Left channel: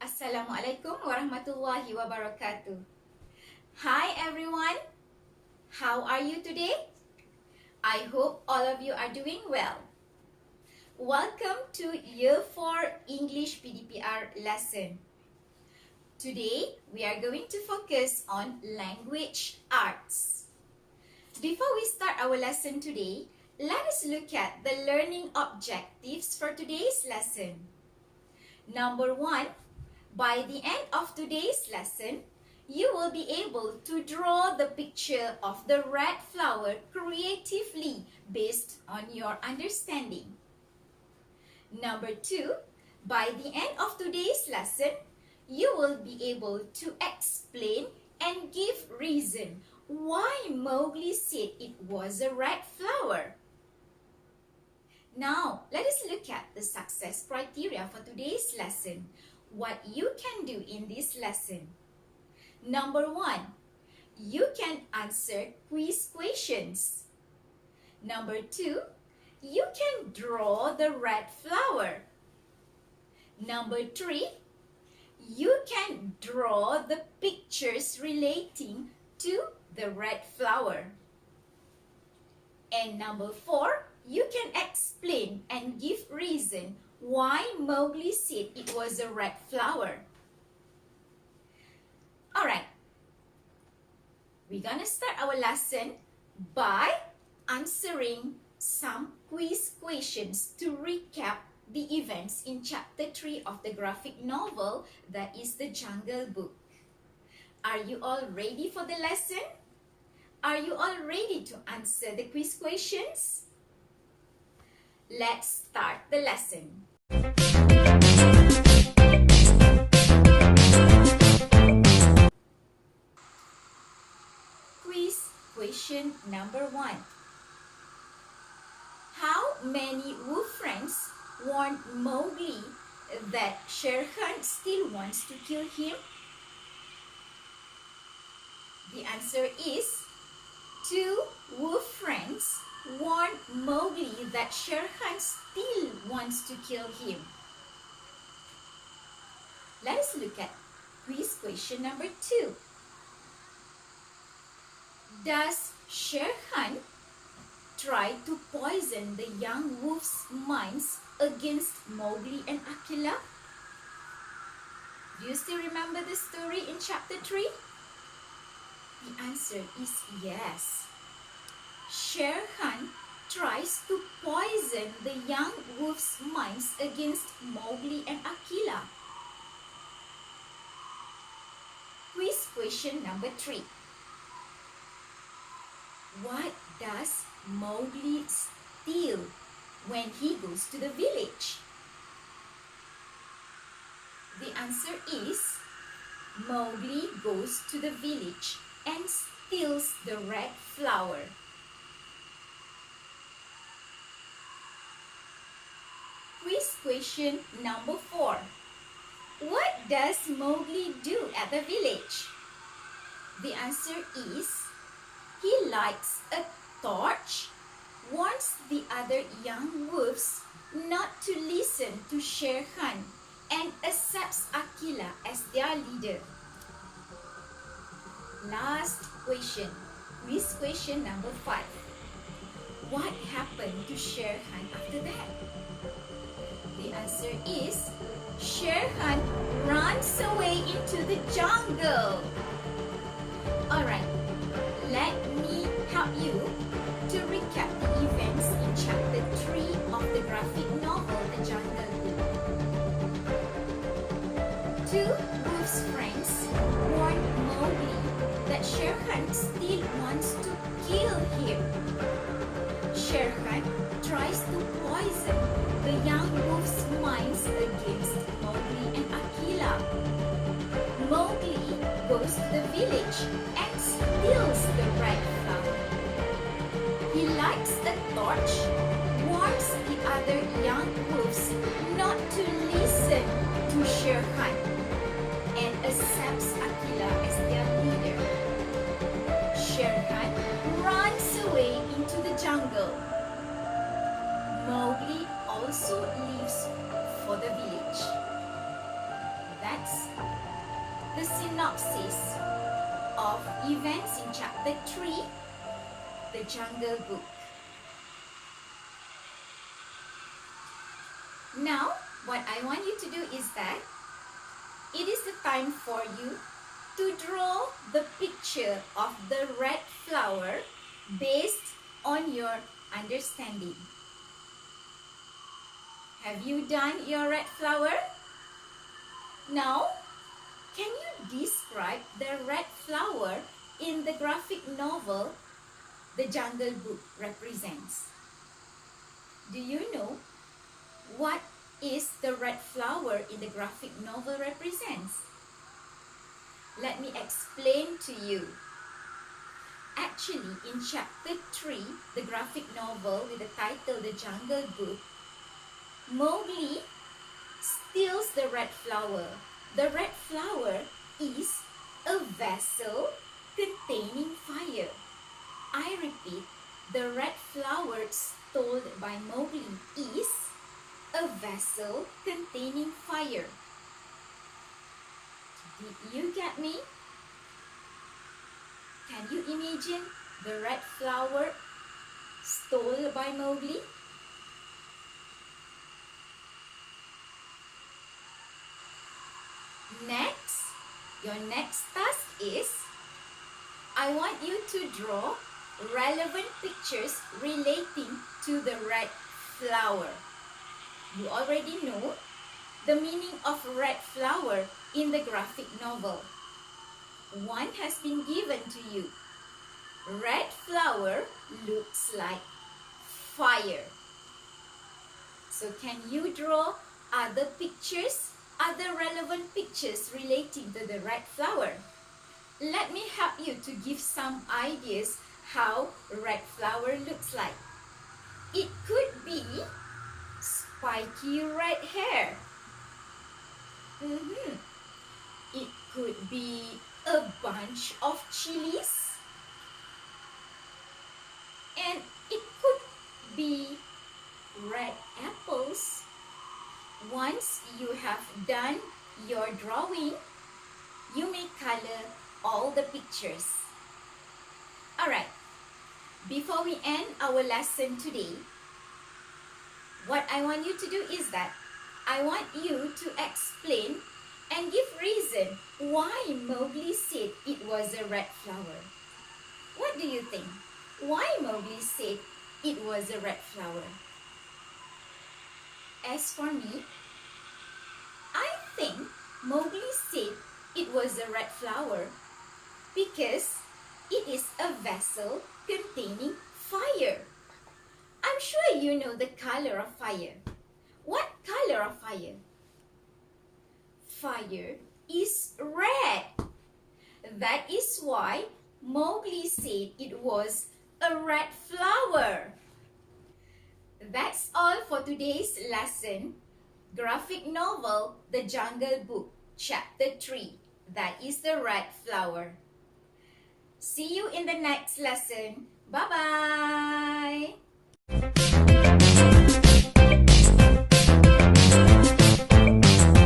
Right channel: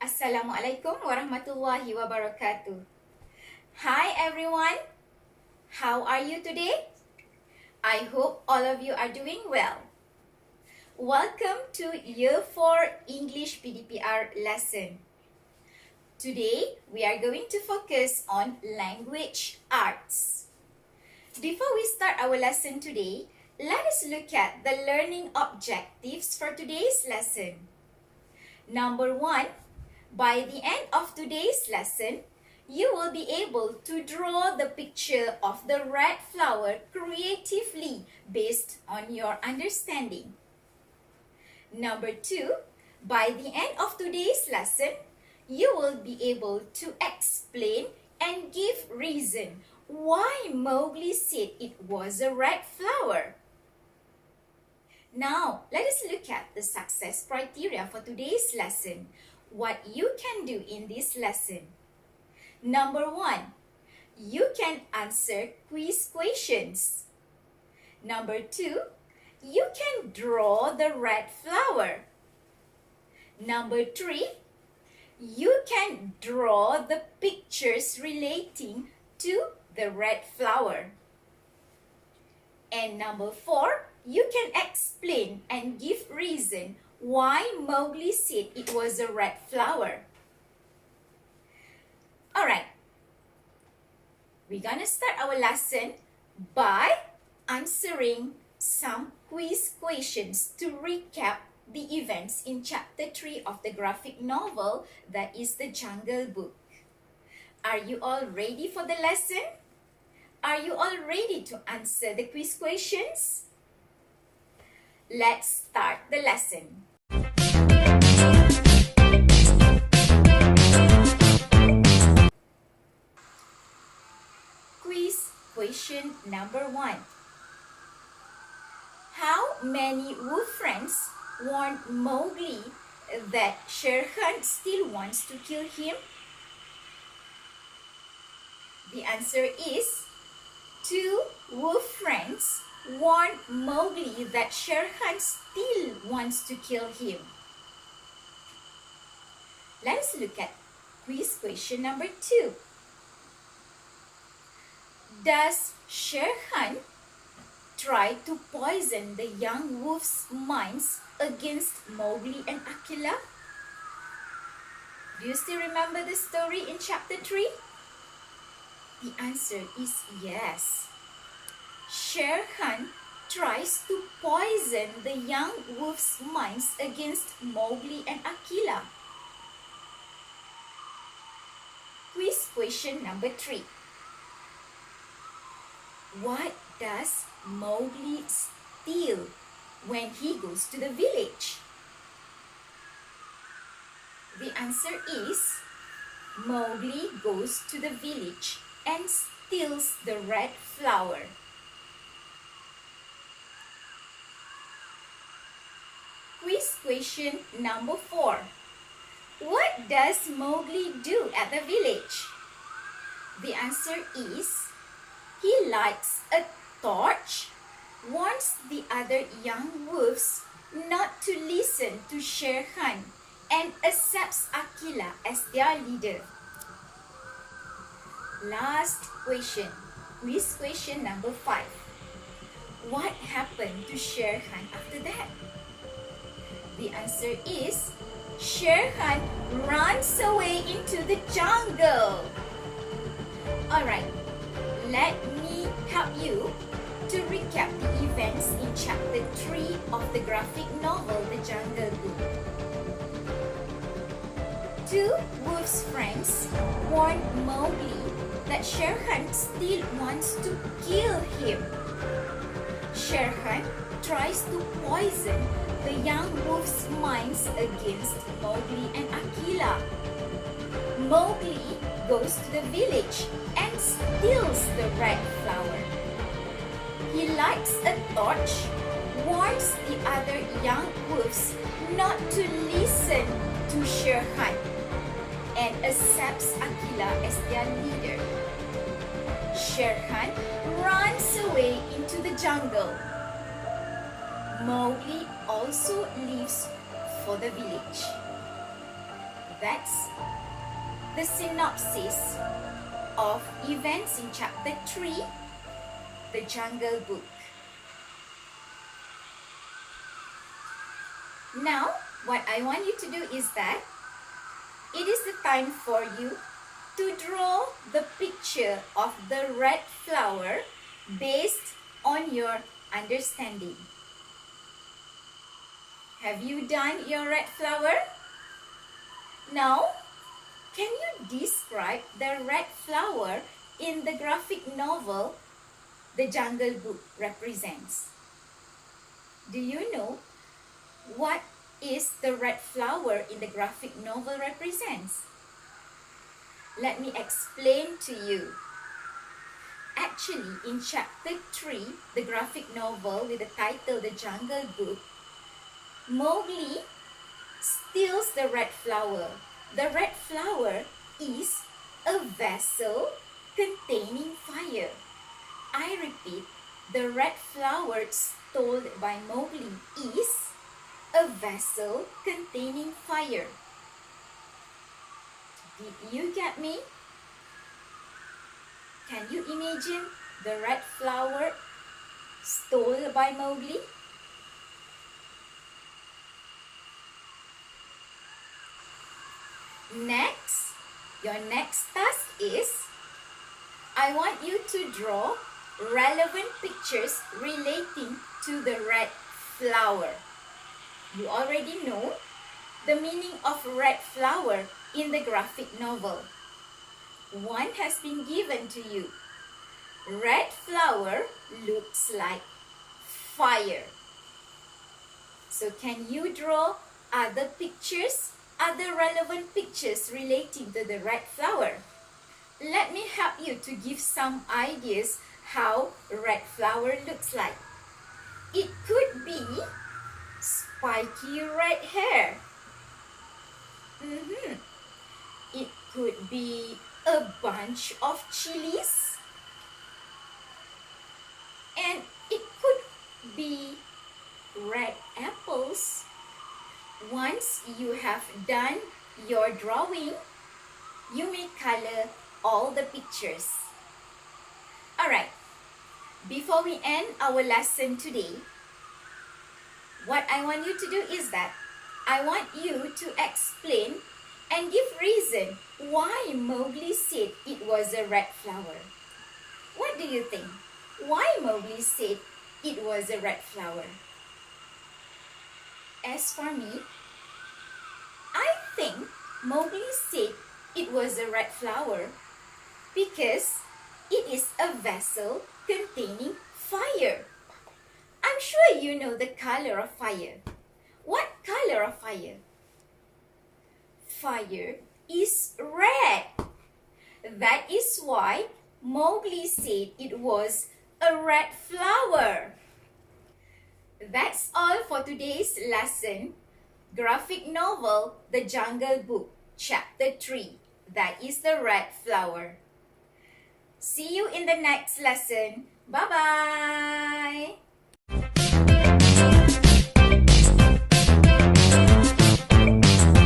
Assalamualaikum warahmatullahi wabarakatuh. Hi everyone, how are you today? I hope all of you are doing well. Welcome to Year 4 English PDPR lesson. Today we are going to focus on language arts. Before we start our lesson today, let us look at the learning objectives for today's lesson. Number 1, by the end of today's lesson, you will be able to draw the picture of the red flower creatively based on your understanding. Number 2, by the end of today's lesson, you will be able to explain and give reason why Mowgli said it was a red flower. Now, let us look at the success criteria for today's lesson. What you can do in this lesson. Number 1, you can answer quiz questions. Number 2, you can draw the red flower. Number 3, you can draw the pictures relating to the red flower. And number 4, you can explain and give reason why Mowgli said it was a red flower. Alright, we're gonna start our lesson by answering some quiz questions to recap the events in chapter 3 of the graphic novel that is The Jungle Book. Are you all ready for the lesson? Are you all ready to answer the quiz questions? Let's start the lesson. Quiz question number 1. How many wolf friends warned Mowgli that Shere Khan still wants to kill him? The answer is 2 wolf friends warned Mowgli that Shere Khan still wants to kill him. Let us look at quiz question number 2. Does Shere Khan try to poison the young wolf's minds against Mowgli and Akela? Do you still remember the story in chapter 3? The answer is yes. Shere Khan tries to poison the young wolf's minds against Mowgli and Akela. Quiz question number 3. What does Mowgli steal when he goes to the village? The answer is Mowgli goes to the village and steals the red flower. Quiz question number 4. What does Mowgli do at the village? The answer is he lights a torch, warns the other young wolves not to listen to Shere Khan, and accepts Akela as their leader. Last question, quiz question number 5. What happened to Shere Khan after that? The answer is Shere Khan runs away into the jungle. Alright, let me help you to recap the events in chapter 3 of the graphic novel The Jungle Book. 2 wolf's friends warned Mowgli that Shere Khan still wants to kill him. Shere Khan tries to poison the young wolf's minds against Mowgli and Akela. Mowgli goes to the village and steals the red flower. He lights a torch, warns the other young wolves not to listen to Shere Khan, and accepts Akela as their leader. Shere Khan runs away into the jungle. Mowgli also leaves for the village. That's the synopsis of events in chapter 3, The Jungle Book. Now, what I want you to do is that it is the time for you to draw the picture of the red flower based on your understanding. Have you done your red flower? Now, can you describe the red flower in the graphic novel The Jungle Book represents? Do you know what is the red flower in the graphic novel represents? Let me explain to you. Actually, in chapter 3, the graphic novel with the title The Jungle Book, Mowgli steals the red flower. The red flower is a vessel containing fire. I repeat, the red flower stolen by Mowgli is a vessel containing fire. Did you get me? Can you imagine the red flower stolen by Mowgli? Next, your next task is, I want you to draw relevant pictures relating to the red flower. You already know the meaning of red flower in the graphic novel. One has been given to you. Red flower looks like fire. So can you draw other pictures, other relevant pictures relating to the red flower? Let me help you to give some ideas how red flower looks like. It could be spiky red hair. It could be a bunch of chilies. And it could be red apples. Once you have done your drawing, you may color all the pictures. Alright, before we end our lesson today, what I want you to do is that I want you to explain and give reason why Mowgli said it was a red flower. What do you think? Why Mowgli said it was a red flower? As for me, I think Mowgli said it was a red flower because it is a vessel containing fire. I'm sure you know the color of fire. What color of fire? Fire is red. That is why Mowgli said it was a red flower. That's all for today's lesson. Graphic novel The Jungle Book, Chapter 3. That is the red flower. See you in the next lesson. Bye-bye.